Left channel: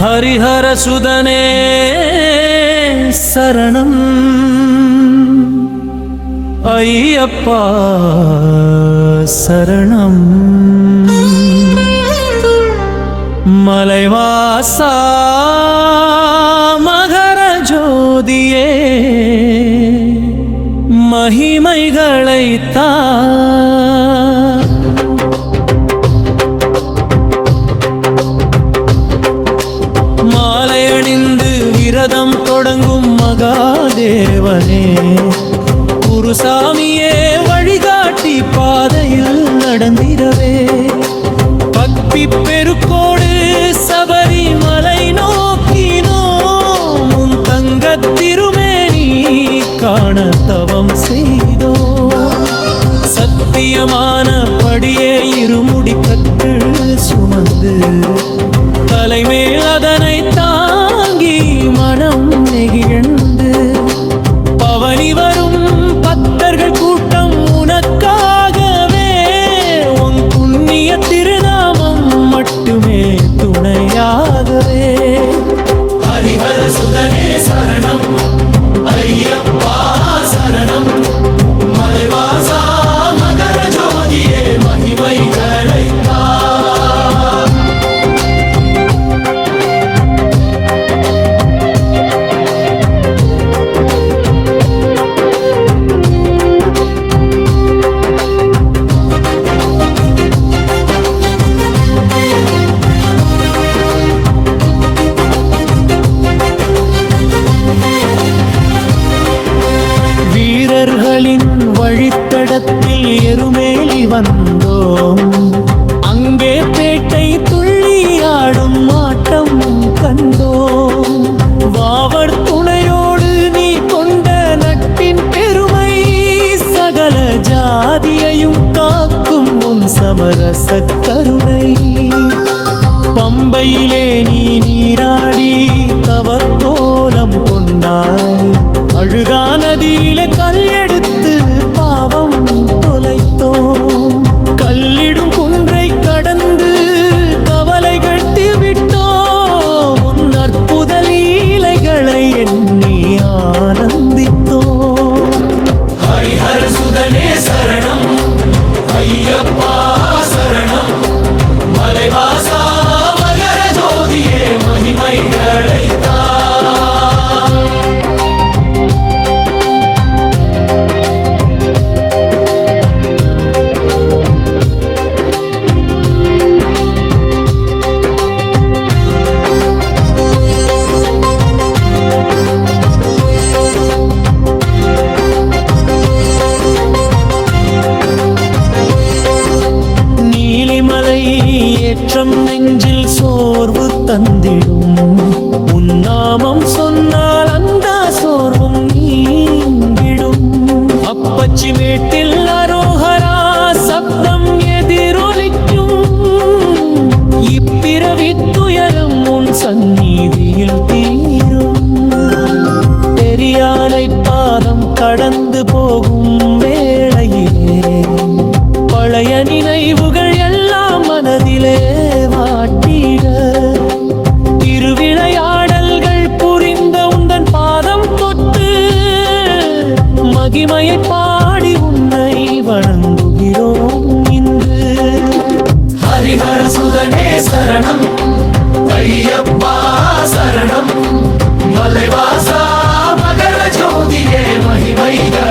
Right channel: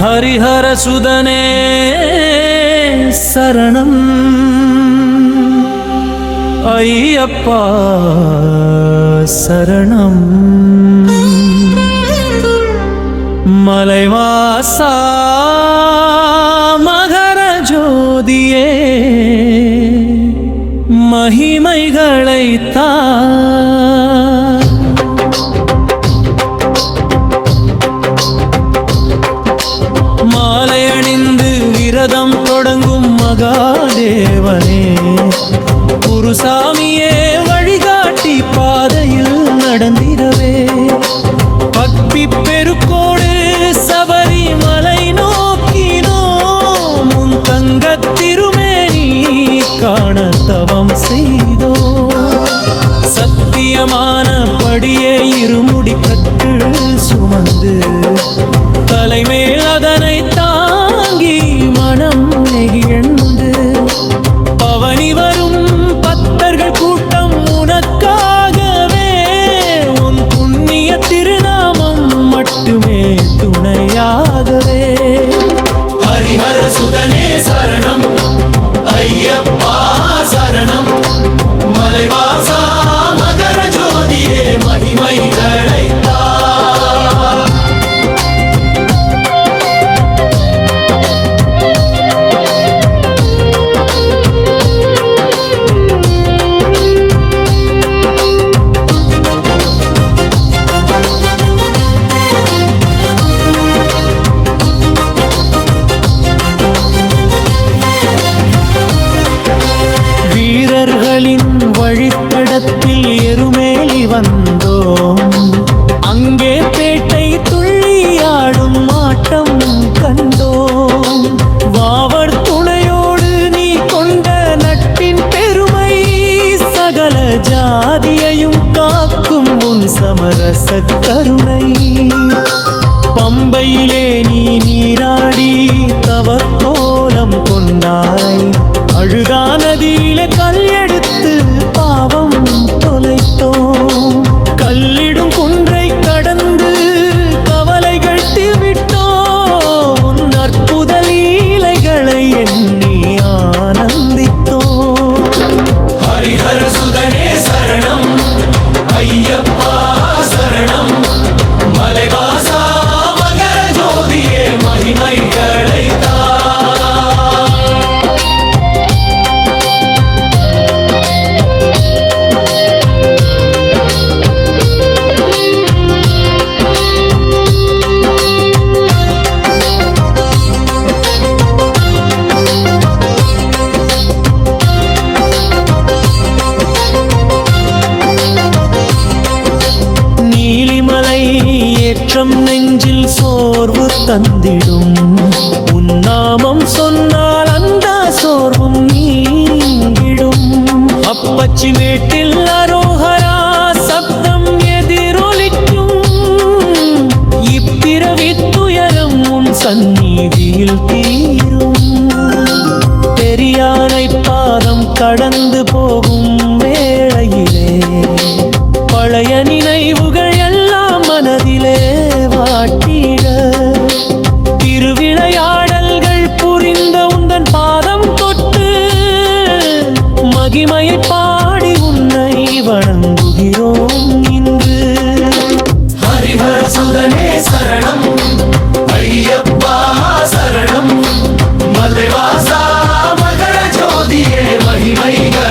ஹரிஹர சுதனே சரணம். ஐயப்பா சரணம். மலைவாசா மகர ஜோதியே மகிமைகளைத்தா மாலை அணிந்து விரதம் தொடங்கும் மகாதேவனே. குருசாமியே வழிகாட்டி பாதையில் நடந்திரவே பக்தி பெருக்கோடு சபரிமலை நோக்கினோம். உன் தங்கத் திருமேனி காண தவம் செய்தோ. சத்தியமான படியே இருமுடி கட்டு சுமந்து தலைமேல் அதனை தாங்கி மனம் நெகிழ்ந்து. பவனி வரும் பக்தர்கள் கூட்டம் உனக்காகவே. உன் புண்ணிய திருநாமம் மட்டுமே துணையாகவே. ஹரிஹர சுதனே சரணம். ஐயப்பா சரணம். மலைவாசா வழித்தடத்தில் எருமேலி வந்தோம். அங்கே பேட்டை துள்ளியாடும் ஆட்டம் கண்டோம். வாவர் துணையோடு நீ கொண்ட நட்பின் பெருமை சகல ஜாதியையும் காக்கும் உன் சமரச கருணை. பம்பையிலே நீ நீராடி தவக்கோலம் கொண்டாய். அழுதா நதியில கல் எடுத்து பாவம். குற்றம் நெஞ்சில் சோர்வு தந்திடும். உன்னாமம் சொன்னால் அந்த சோர்வும் நீங்கிடும். அப்பச்சி மேட்டில் அரோகரா சப்தம் எதிரொலிக்கும். இப்பிறவி துயரம் உன் சந்நீதியில் தீரும். பெரியானை பாதம் கடந்து போகும் வேளையிலே பழைய நினைவுகள் எல்லாம் மனதிலே மகிமையை பாடி உன்னை வணங்குகிறோம் இன்று. ஹரிஹர் சுதனே சரணம் ஐயப்பா சரணம் மலைவாசா மகர ஜோதியே மகிமைகளைத்தா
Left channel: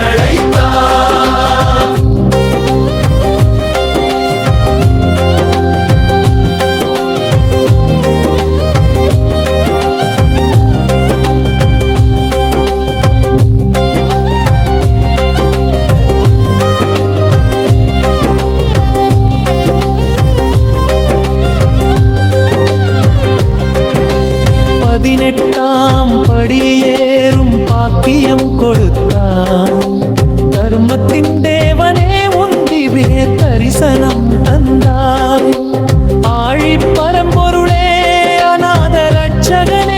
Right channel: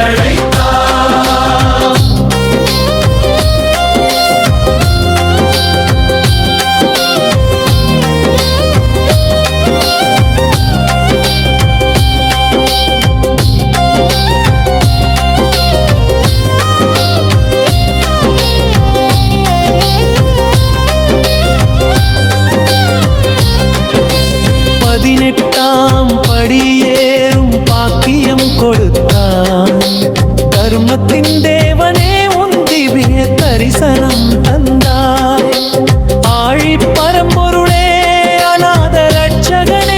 பதினெட்டாம் படியேறும் பாக்கியம் கொடுத்தான். தர்மத்தின் தேவனே உந்திவே தரிசனம் தந்தாய். ஆழி பரம்பொருளே அநாத ரட்சகனே